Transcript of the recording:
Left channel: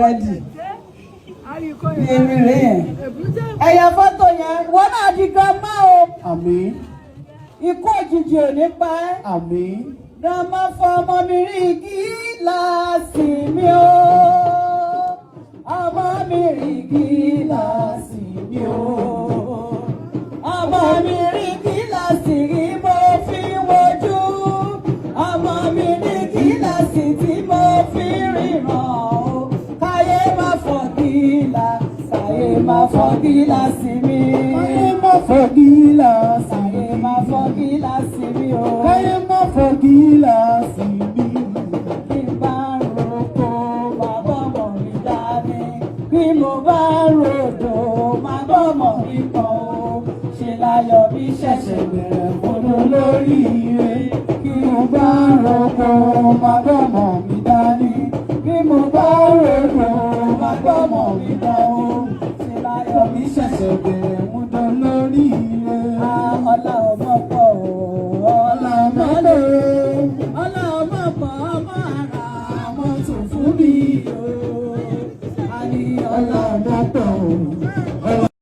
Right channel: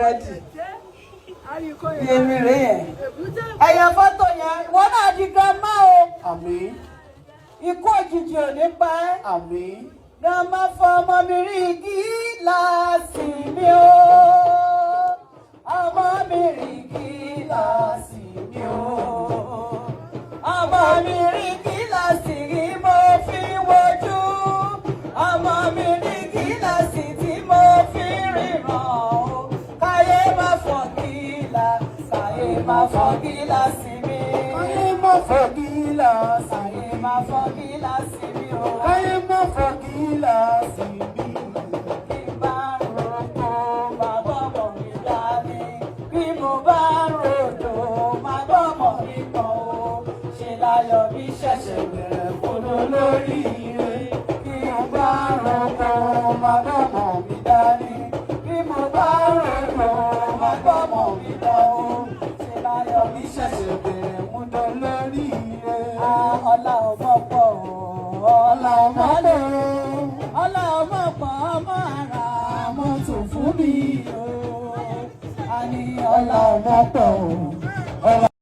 rẹ́dì èmi rè yẹn ẹ̀yà fọ́tò yẹn wọ́n náà di grandma o. Àmín. Ikú òjijì ò ní pa ẹ́. Àmín. Grandma fọmọ mi rí gíláàsì mi o. Ọmọ mi rí gíláàsì mi o. Ọmọ mi rí gíláàsì rí mo fi wojú. Ọmọ mi rí gíláàsì tí mo fi ríran o. Káyé má fọ́ gíláàsì, káyé má fọ́ gíláàsì mi. Káyé má fọ́ gíláàsì. Káyé má fọ́ gíláàsì mi o. Káyé má fọ́ gíláàsì mi. Bí n bá ń roko, máa bọ́mọ̀ mi dání. Bí mo bá ń rodò, máa bọ́mọ̀ mi pọ̀n o. Ṣe láyọ̀ bí ṣẹ̀ṣẹ̀ bẹ̀rẹ̀ fúnú lórí ire. Bí mo bá ń roko, máa bọ́mọ̀ mi dání. Bí mo bá ń rodò, máa bọ́mọ̀ mi dán o. Ṣe láyọ̀ bí ṣẹ̀ṣẹ̀ bẹ̀rẹ̀ fúnú lórí ire. Ọlá ọmọ pọ̀ o, ọlá ọmọ lò ó. Ọlá ọmọ pọ̀ ọmọ ara ọmọ tó fún mi o. A ní ọlá ọmọ pọ̀ o.